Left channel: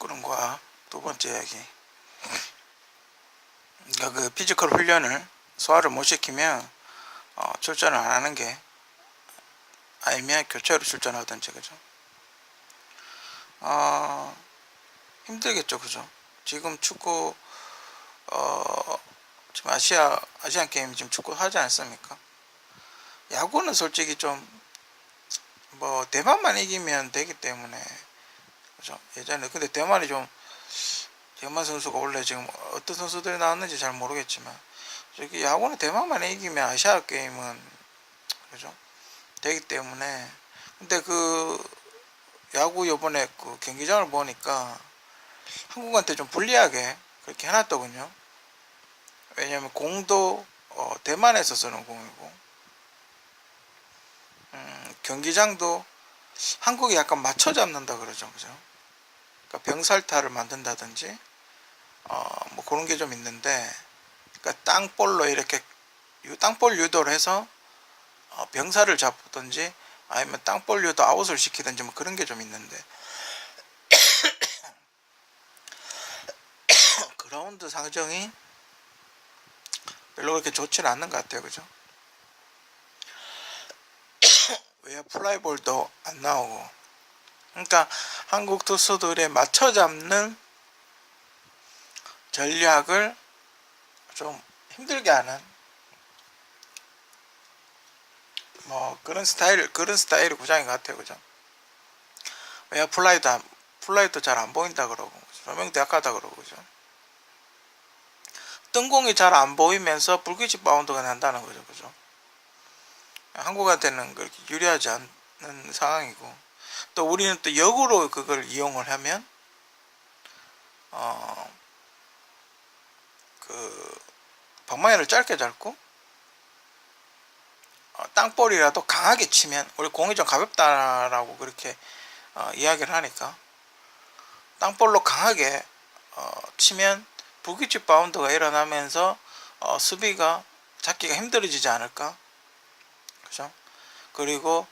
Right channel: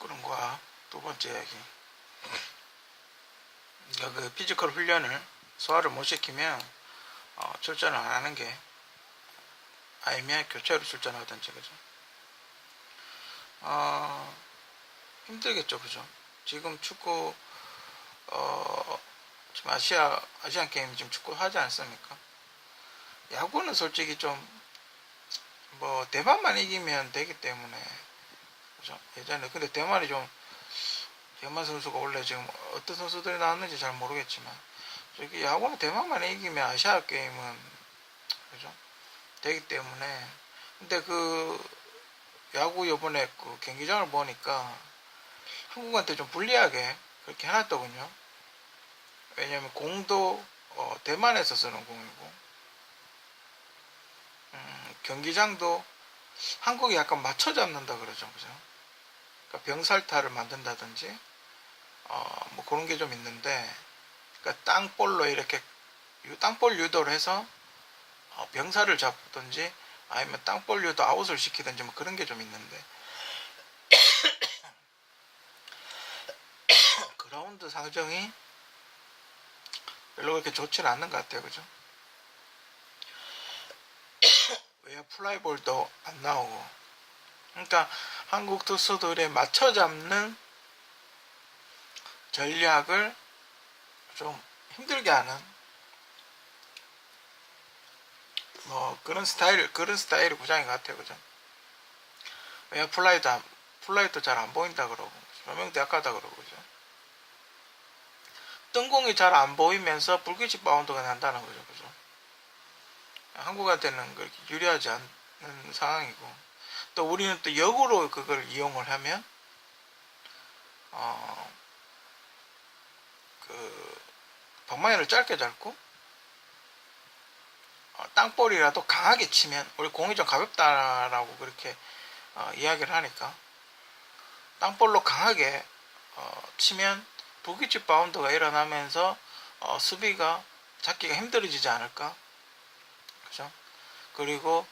그런 거야. 두 번째 이야기. 그러니까 그 피지컬 훈련을 소화를 못 시키면 출전을 안 하는 게, 아니면 교체로 출전하든지, 그죠? 힘들겠죠, 그죠? 지금 축구, 지금 아시안 게임 지금 축구 하지 않습니까? 야구는 솔직히 좀, 대만만 이기면 되기 때문에, 그죠? 예전에, 근데 대만 선수가 원래 지금 어떤 선수들이 나왔는지 잘 모르겠지만, 저기 야구는 대만만 이기면 아시아 게임은, 그죠? 되기 때문에. 근데 그 야구 요번에 그 경기장을 보니까 한국한테 좀 불리하게 그렇게 해놨더군요. 왜냐면 공도 대만에서 쓰는 공이고, 경기장도 한국이 약간 맞춰 잡는다 그러죠, 그죠? 그러니까 병살타를 만든다든지, 뭐 그런 게 좀 있는데, 그러니까 땅볼로 이렇게 땅볼 유도를 해서 병살을 잡든지, 아니면 땅볼 유도 아웃을 시키든지, 뭐 그런 게 좀 있는데, 그라운드 상정이 별로 그렇게 좋지는 않는 것 같아요, 그죠? 왜 플라이볼도 안 나오고. 그러니까 한국 투수들의 맞춰 잡는 전략을 좀 힘들게 하는, 뭐 그런 스타일의 구장인 것 같아요, 그죠? 왜 플라이도 잘 안 보인다 그러고, 조명도 약하다 그러고, 그죠? 뜬공이 잘 안 보이면서 불규칙 바운드가 난다는 거죠, 그죠? 한국한테는 그렇게 유리하지 않는 상황이고, 또 우리는 또 역으로 그걸 이용을 하면 그 방망이를 짧게 잡고, 땅볼이라도 강하게 치면, 우리 공이 좀 가볍다라고 그렇게 이야기를 하니까, 땅볼로 강하게 치면 불규칙 바운드가 일어나면서 수비가 잡기가 힘들어지지 않을까, 그죠? 그리고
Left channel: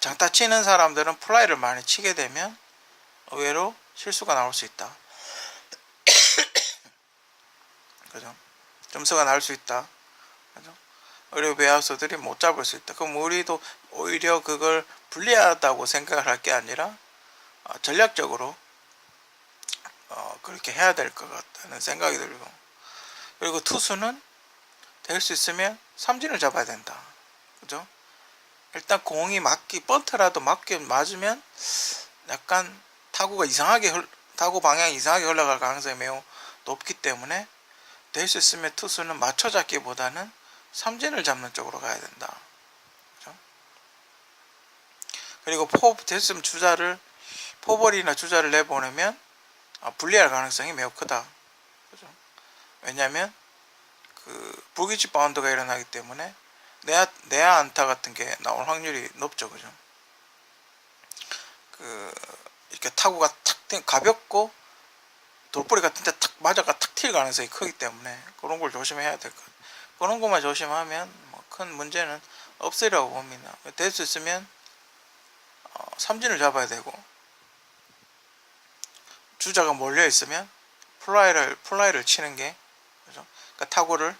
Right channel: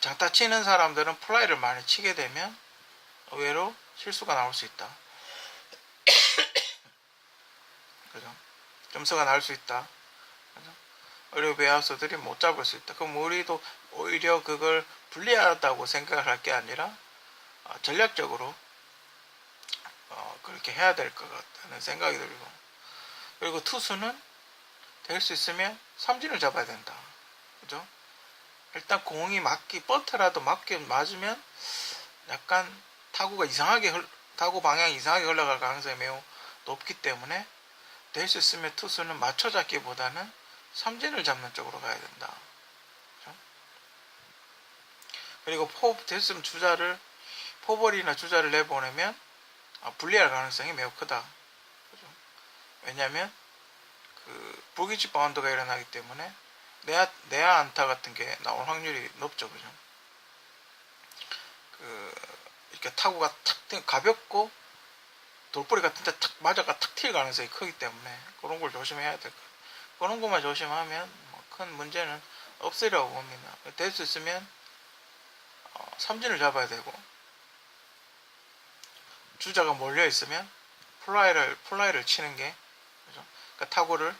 장타 치는 사람들은 플라이를 많이 치게 되면 의외로 실수가 나올 수 있다, 그죠? 점수가 나올 수 있다, 그죠? 그리고 외야수들이 못 잡을 수 있다. 그럼 우리도 오히려 그걸 불리하다고 생각을 할 게 아니라 전략적으로 그렇게 해야 될 것 같다는 생각이 들고, 그리고 투수는 될 수 있으면 삼진을 잡아야 된다, 그죠? 일단 공이 번트라도 맞으면 약간 타구 방향이 이상하게 흘러갈 가능성이 매우 높기 때문에, 될 수 있으면 투수는 맞춰 잡기보다는 삼진을 잡는 쪽으로 가야 된다, 그죠? 그리고 됐으면 포볼이나 주자를 내보내면 불리할 가능성이 매우 크다, 그죠? 왜냐하면 그 불규칙 바운드가 일어나기 때문에 내야 안타 같은 게 나올 확률이 높죠, 그죠? 이렇게 타구가 가볍고 돌뿌리 같은데 탁 맞아가 탁 튈 가능성이 크기 때문에 그런 걸 조심해야 될 것 같아요. 그런 것만 조심하면 큰 문제는 없으리라고 봅니다. 될 수 있으면 삼진을 잡아야 되고, 주자가 몰려 있으면 플라이를 치는 게, 그죠? 그러니까 타구를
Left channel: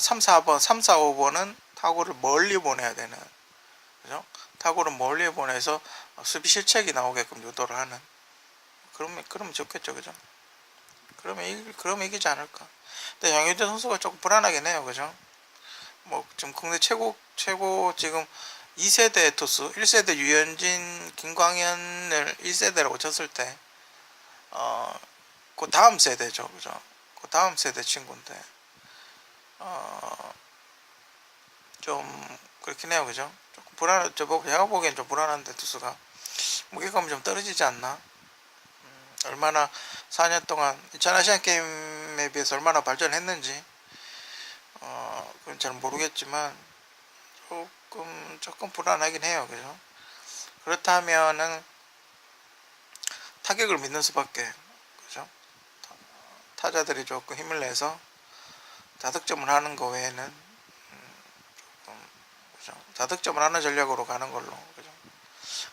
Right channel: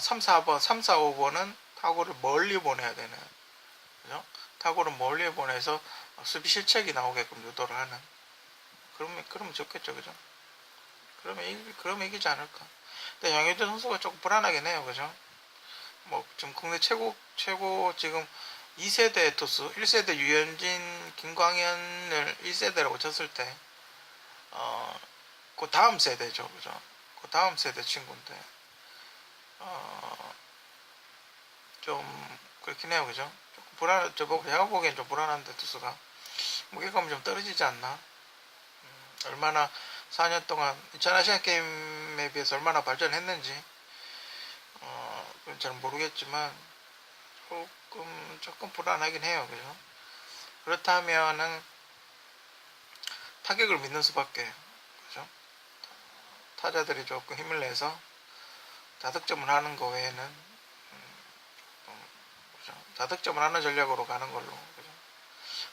3, 4번, 3, 4, 5번은 타구를 멀리 보내야 되는, 그죠? 타구를 멀리 보내서 수비 실책이 나오게끔 유도를 하는, 그러면 좋겠죠, 그죠? 그러면 이기지 않을까. 근데 양효대 선수가 조금 불안하긴 해요, 그죠? 뭐 지금 국내 최고 지금 2세대 투수, 1세대 유현진, 김광현을 1세대라고 쳤을 때, 그 다음 세대죠, 그죠? 그 다음 세대 친구인데, 좀 그렇긴 해요, 그죠? 조금 제가 보기엔 좀 불안한데, 투수가 무게감이 좀 떨어지지 않나? 얼마나 4년 동안 전 아시안 게임에 비해서 얼마나 발전했는지 그건 잘 모르겠지만 조금 불안하긴 해요, 그죠? 그렇다면은 타격을 믿는 수밖에, 그죠? 타자들이 조금 힘을 내서 다득점을 하는 거 외에는 그죠? 다득점을 하는 전략으로 가는 걸로, 그죠?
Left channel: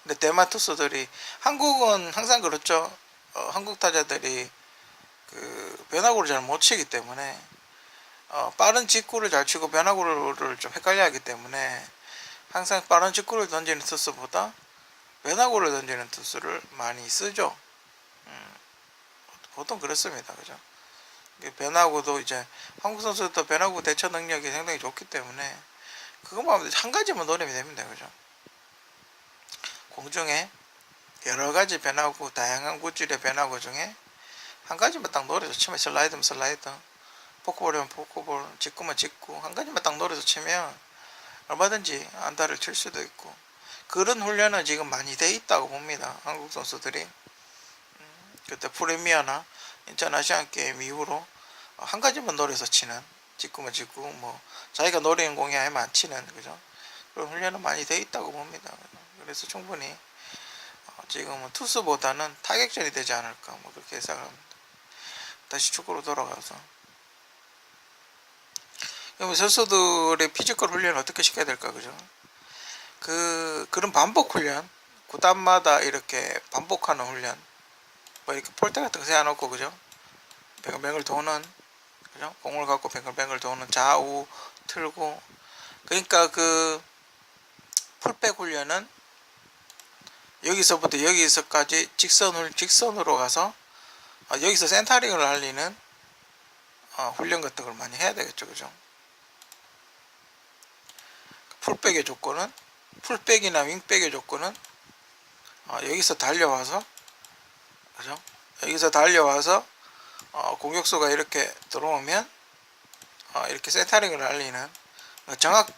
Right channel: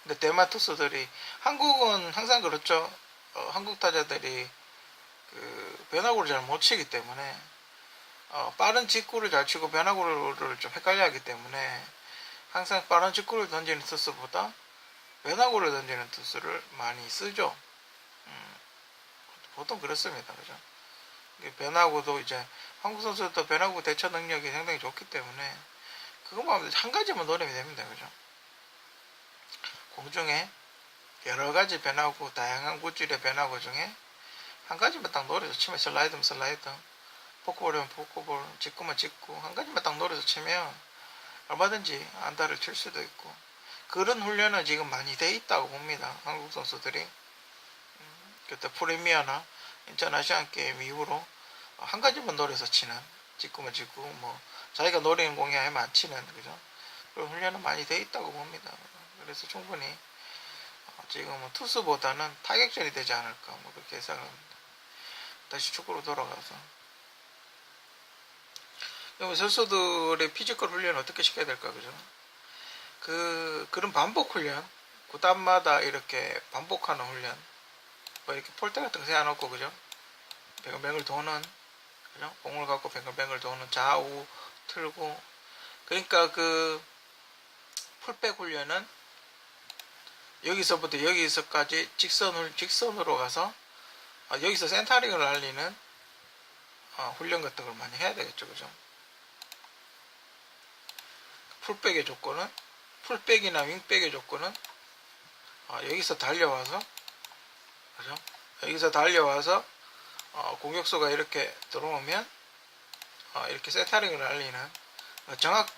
근데 대만 투수들이, 한국은 항상 그렇죠. 한국 타자들이 그 변화구를 잘 못 치기 때문에 빠른 직구를 잘 치고 변화구를 좀 헷갈려 하기 때문에 항상 빠른 직구를 던지는 투수보다 변화구를 던지는 투수를 많이 쓰죠. 보통 그렇습니다. 그죠? 변화구도 이제 한국 선수도 변화구 대처 능력이 상당히 좋기 때문에 그것만 한 가지만 노리면 됩니다. 그죠? 공중에 여러 가지 변화구, 다양한 구질의 변화구 중에 한 가지만 딱 노려서 치면 슬라이드면 슬라이드, 포크볼이면 포크볼, 직구면 직구, 한 가지만 딱 노려서 치면 얼마든지 안타를 칠 수도 있고, 그런 훈련은 지금 많이 돼 있다고 봅니다. 한국 선수들이. 그때 프리미어나 인천 아시안 게임 이후로 한 가지만 노려서 치는, 직구면 직구, 뭐 자기가 노리는 공이 아니면 안 치는, 그죠? 그런 훈련은 많이 돼 있다고 봅니다. 그래서 충분히 지금은 투수보다는 타격전이 되지 않을까, 뭐 그렇게 예상을 합니다. 다시 축구로 돌아가서, 선수들의 피지컬 훈련을 어떻게 시켜야 될까, 그죠? 그런 반복 훈련, 구단마다 이렇게 반복하는 훈련, 뭐 이렇게 폴대 같은 거 세워놓고, 그죠? 뱅글뱅글 도는, 그죠? 공을 갖고 뱅글뱅글 도는, 좌우 틀고, 그러니까 그 풀백 훈련은 여기서부터 여기서까지 직선으로 가서 여기서 센터링을 알리는 훈련 같은 걸 많이 해야 되겠죠, 그죠? 풀백의 조건은, 풀백이나 윙백의 조건은 여기서 달려와서, 그죠? 여기서 달려와서 공격수가 이렇게 들어오면 이렇게 센터링을 알리는,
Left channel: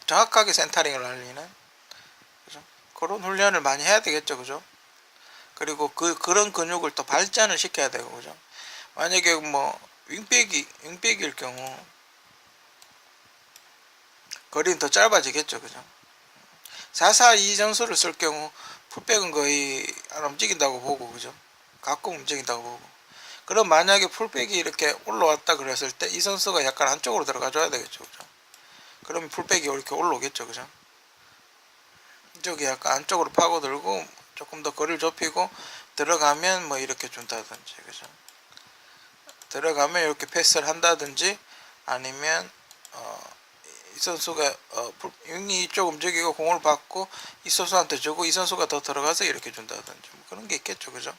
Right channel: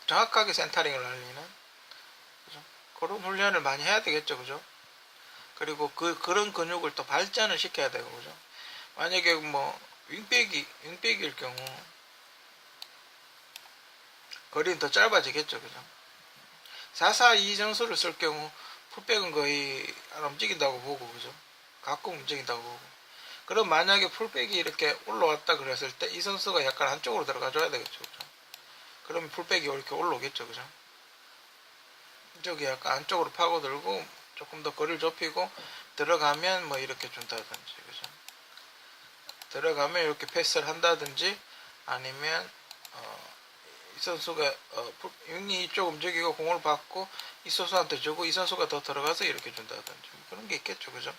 정확하게 센터링을 알리는, 그죠? 그런 훈련을 많이 해야 되겠죠, 그죠? 그리고 그런 근육을 또 발전을 시켜야 되고, 그죠? 만약에 뭐 윙백일 경우 거리는 더 짧아지겠죠, 그죠? 4-4-2 전술을 쓸 경우 풀백은 거의 안 움직인다고 보고, 그죠? 가끔 움직인다고 보고. 그럼 만약에 풀백이 이렇게 올라왔다 그랬을 때 이 선수가 약간 안쪽으로 들어가 줘야 되겠죠, 그죠? 그러면 풀백이 이렇게 올라오겠죠, 그죠? 이쪽이 약간 안쪽으로 파고들고 조금 더 거리를 좁히고 들어가면 뭐 이렇게 준다든지, 그죠? 들어가면 이렇게 패스를 한다든지, 아니면 이 선수가 윙이 이쪽 움직이고 공을 받고 이 선수한테 주고 이 선수가 더 들어가서 이렇게 준다든지, 뭐 그런 게 있겠죠, 그죠?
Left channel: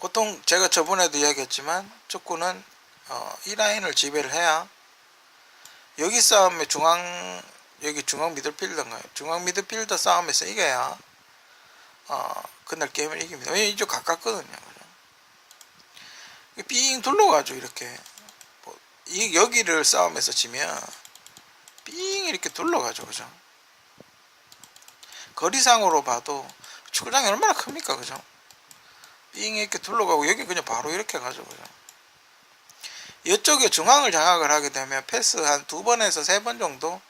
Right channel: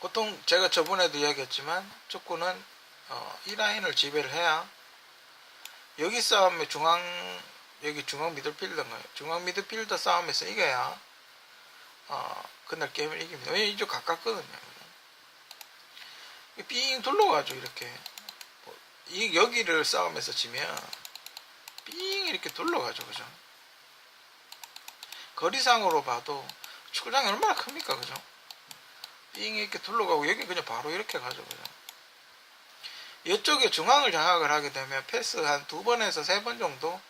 보통 제가 저번에도 이야기했지만 축구는 이 라인을 지배를 해야, 여기 싸움에 여기 중앙 미드필더인가요? 중앙 미드필더 싸움에서 이겨야 그날 게임을 이깁니다. 왜냐면 이쪽 가깝거든요, 그죠? 삥 둘러가지고 이렇게 여기를 싸움에서 지면 삥 이렇게 둘러가죠, 그죠? 거리상으로 봐도 축구장이 얼마나 큽니까, 그죠? 삥 이렇게 둘러가고 여기 그냥 바로 이렇게 가죠, 그죠? 이쪽에 중앙을 장악을 하게 되면 패스 한 2번에서 3번 정도,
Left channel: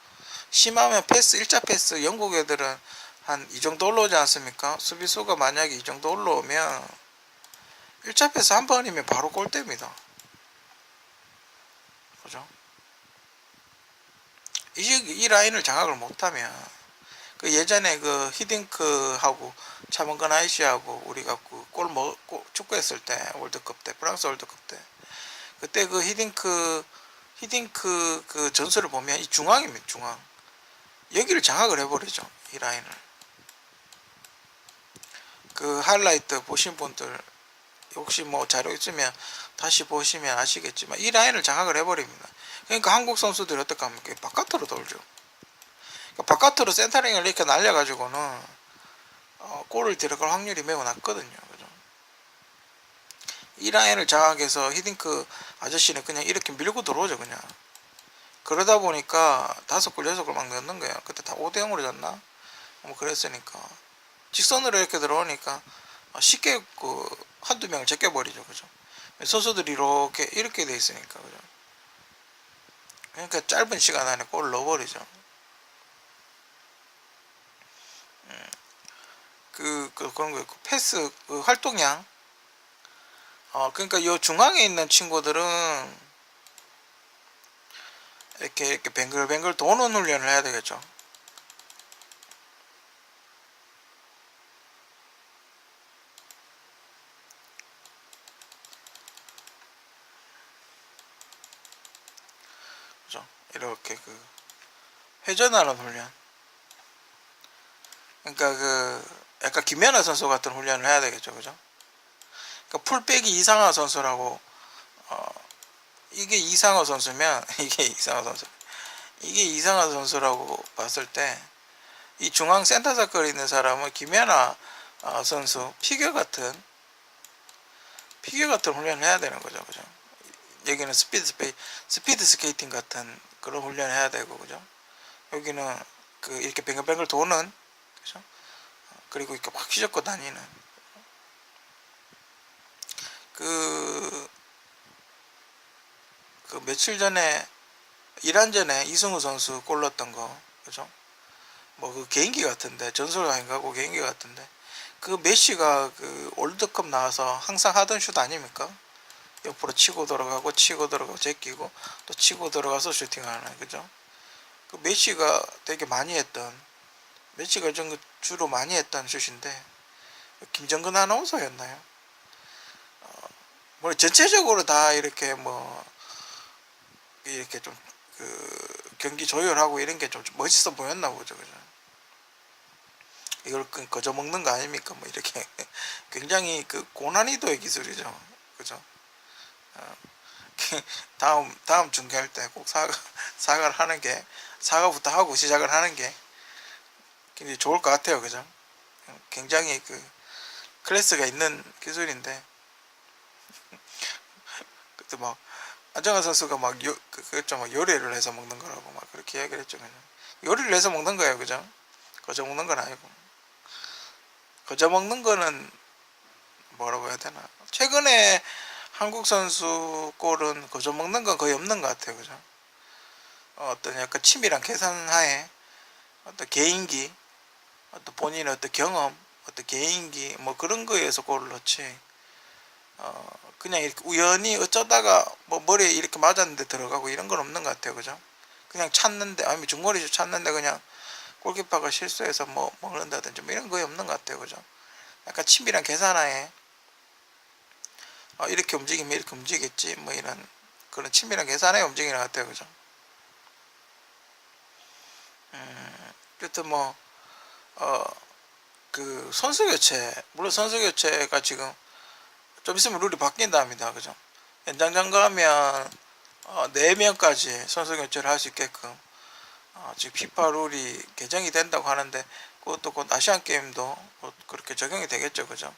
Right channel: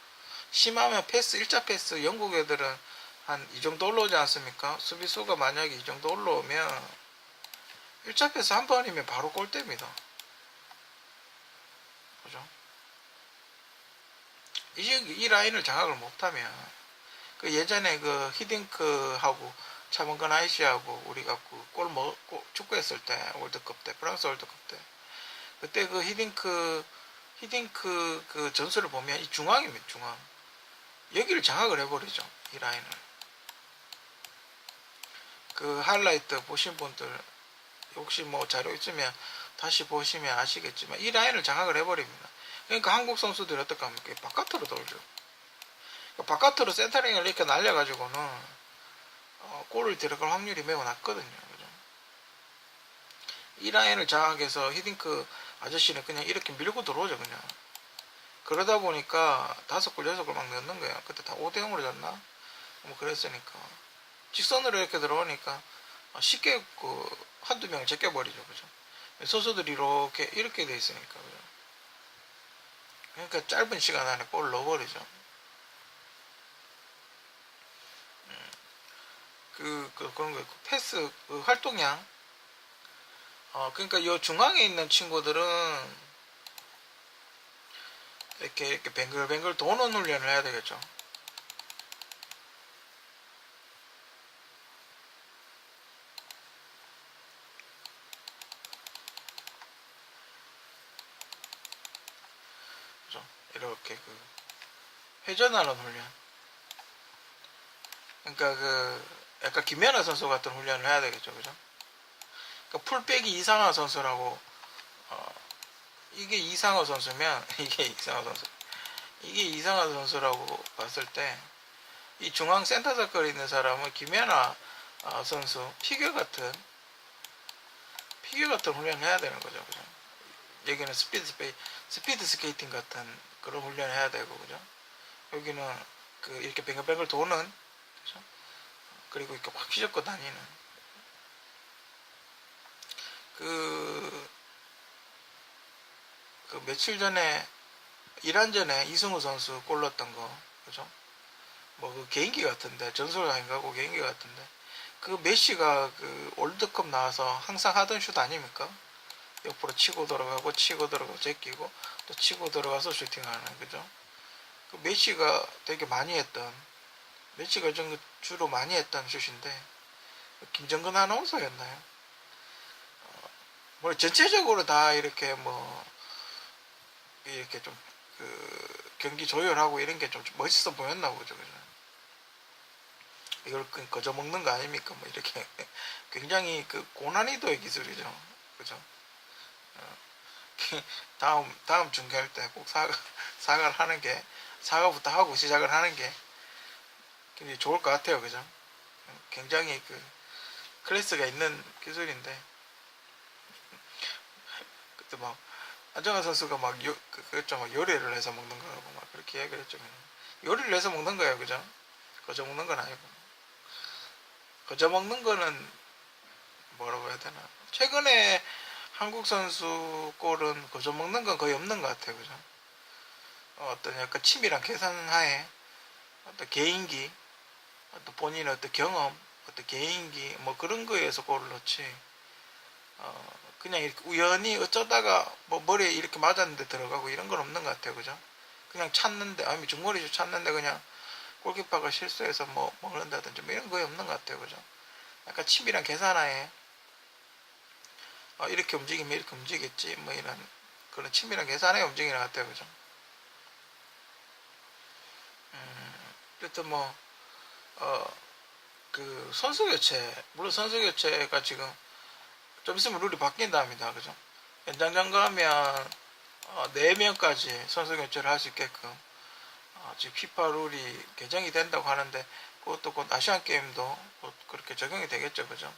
심하면 패스 1차 패스, 영국 애들은 한 이 정도 올라오지 않습니까? 수비수가 만약에 이 정도 올라오면 1차 패스 한 번이면 바로 골대입니다, 그죠? 이 라인을 장악을 못하면, 그 예전에 그 히딩크하고 차범근 아이씨하고 우리가 축구했을 때, 월드컵 때, 프랑스 월드컵 때, 그때 그 히딩크 그 전술을 보면 이 중앙입니다, 중앙. 여기를 장악을 해버리죠, 이 라인을. 그 하이라이트 보신 분들 혹시 뭐 자료 있으면 다시 보시면 아시겠지만 이 라인을 장악을 해버립니다. 그러니까 한국 선수들이 어떻게 하면 바깥으로 돌죠. 그러니까 바깥으로 센터링을 이렇게 날려가지고는 골을 들어갈 확률이 매우 낮거든요, 그죠? 이 라인을 장악해서 히딩크 아저씨는 그냥 이렇게 밀고 들어오죠, 그냥. 그러다 보니까 5골 6골 막 넣는 거야. 그때 다 5대0으로 졌나? 뭐 그랬으니까 직선으로 이렇게 들어오니까 쉽게 한두 명을 제껴버리죠, 그죠? 선수들이 이렇게 돼 있으니까, 그죠? 그러니까 짧은 시간 안에 골을 넣어버리죠. 그런 거 있고, 패스 활동량, 그러니까 요 중앙에 있는 친구들은 이렇게 뱅글뱅글 도는 훈련을 해야 되겠죠. 이렇게 그 회전하는 훈련. 그러니까 그 약간 김연아 선수 같은 훈련을 해야 되겠죠, 그죠? 그러니까 풀백이 이상화 선수라고 이게 이상화 선수면 이게 이상화 선수. 이게 이상화 선수라고 봤을 때 이 중앙 센터 서클에 있는 사람은 김연아 선수 피겨 같은 훈련을 해야 되는 거죠, 그죠? 여기는 스피드 스케이팅 같은 그런 훈련을 해야 되고, 그죠? 여기는 그 이렇게 뱅글뱅글 도는, 그죠? 그리고 이렇게 막 휘젓고 다니는 그, 그 며칠 전에 이란전에 이승우 선수 골 넣었던 거, 그죠? 뭐 그 개인기 같은데 전술가인가고 개인기 같은데 그 메시가 그 월드컵 나와서 항상 하던 슛 아닙니까? 옆으로 치고 들어가고 치고 들어가고 제끼고 또 치고 들어가서 슈팅하는, 그죠? 그 메시가 되게 많이 했던, 메시가 주로 많이 했던 슛인데 김정근 아나운서였나요? 뭐 전체적으로 다 이렇게 뭐 이렇게 좀 그 경기 조율하고 이런 게 좀 멋있어 보였나 보죠, 그죠? 이걸 거저 먹는 거 아닙니까? 뭐 이렇게 굉장히 그 고난이도의 기술이죠, 그죠? 다음 중계할 때 꼭 사과를 하는 게, 사과부터 하고 시작을 하는 게 굉장히 좋을 것 같아요, 그죠? 굉장히 그 클래스가 있는 기술인데 그때 막 안정환 선수가 막 그랬죠, 막 요리를 해서 먹는 거라고 막 그렇게 이야기를 했죠. 그냥 요리를 해서 먹는 거예요, 그죠? 거저 먹는 건 아니고. 거저 먹는 거는 뭐라고 해야 되나? 최근에 한국 선수 골은 거저 먹는 건 거의 없는 것 같아요, 그죠? 어떤 약간 치밀한 계산하에 어떤 개인기, 어떤 본인의 어떤 경험, 어떤 개인기 뭐 그런 거에서 골을 넣지. 그냥 이렇게 우연히 어쩌다가 뭐 머리에 이렇게 맞았는데 들어가고 이런 건 없는 것 같아요, 그죠? 그냥 찾는데, 아니면 중거리슛 찾는데 그냥 골키퍼가 실수해서 뭐 먹는다든지 뭐 이런 거의 없는 것 같아요, 그죠? 약간 치밀한 계산하에 이렇게 움직이면 이렇게 움직이겠지 뭐 이런 그런 치밀한 계산하에 움직이는 것 같아요, 그죠? 여튼 뭐 그 선수 교체, 물론 선수 교체가 지금 좀 있으면 룰이 바뀐답니다, 그죠? 연장전 가면 4명까지 선수 교체를 할 수 있게끔 지금 피파 룰이 개정이 된다고 하는데 그것도 곧 아시안 게임도 곧 그렇게 적용이 되겠죠, 그죠?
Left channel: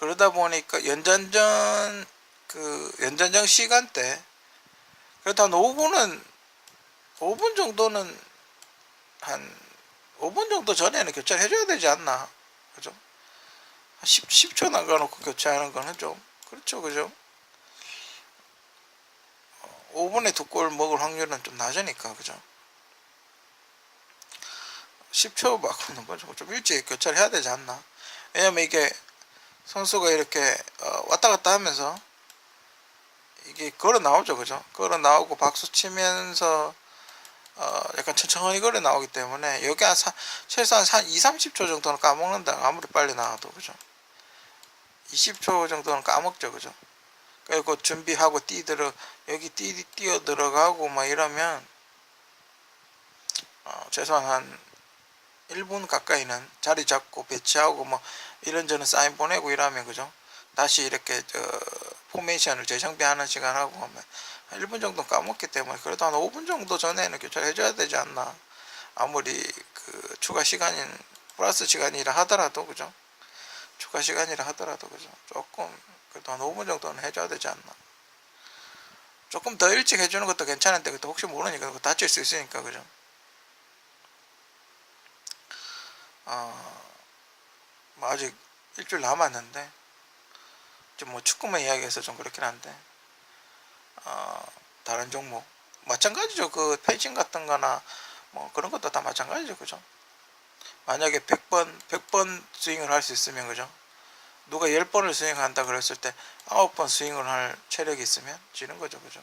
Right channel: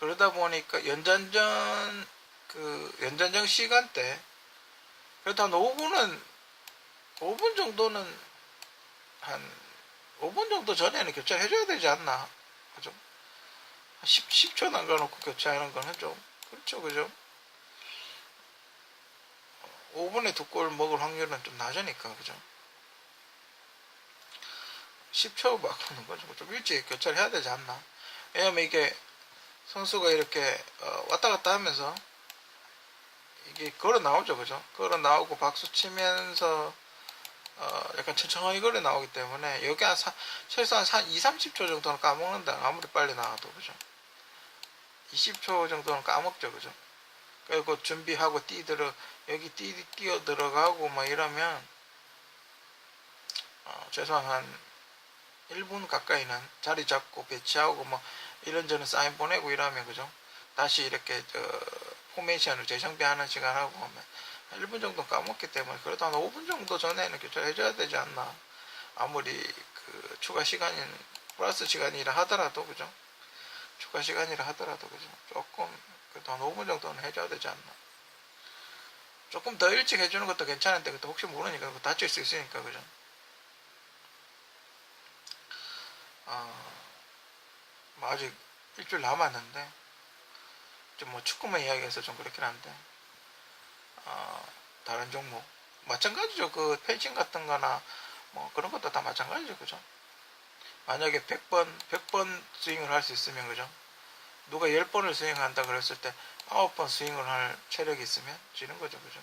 그러다 보니까 연장전 시간대 그래도 한 5분 정도는 한 5분 정도 전에는 교체를 해줘야 되지 않나, 그죠? 10초 남겨놓고 교체하는 거는 좀 그렇죠, 그죠? 5분에 2골 먹을 확률은 좀 낮으니까, 그죠? 10초 바꾸는 거죠. 좀 일찍 교체를 해야 되지 않나. 왜냐면 이게 선수가 이렇게 왔다 갔다 하면서 이게 걸어 나오죠, 그죠? 걸어 나오고 박수 치면서 약간 천천히 걸어 나오기 때문에 여기 최소한 2, 30초 정도는 까먹는다. 아무리 빨리 나와도, 그죠? 20초 정도는 까먹죠, 그죠? 그리고 준비하고 여기 뛰어 들어가고 막 이러면 최소한 한 1분 가까이는 자리 잡고 배치하고 뭐 이런저런 사인 보내고 이러면, 그죠? 다시 이렇게 포메이션을 재정비하는 시간하고 하면 한 1분 정도 까먹기 때문에 그래도 한 5분 정도 전에는 교체를 해줘야 되지 않나. 아무리 그 추가 시간인 플러스 시간이라 하더라도, 그죠? 추가 시간이라 하더라도, 그죠? 조금 그래도 한 5분 정도는 해줘야 되지 않나. 조금 더 일찍 해주는 것도 괜찮은데 그것도 혹시 모르니까 다칠 수 있으니까, 그죠? 뭐 아직 일주일 남았는데 좀 뭐 축구만 이야기해서 좀 그렇긴 한데 다른 종목 마찬가지죠. 그 펜싱 같은 거나 뭐 그런 것도 다 마찬가지죠, 그죠? 만약에 100번 스윙을 할 수 있으면, 그죠? 누가 10번을 스윙한다 그랬을 때 9번 스윙을 할 체력이 있으면 지는 거죠, 그죠?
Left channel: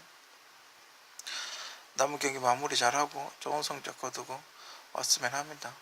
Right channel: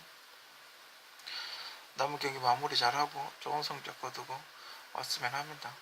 남은 경기 마무리 잘하고 좋은 성적 거두고 왔으면 합니다.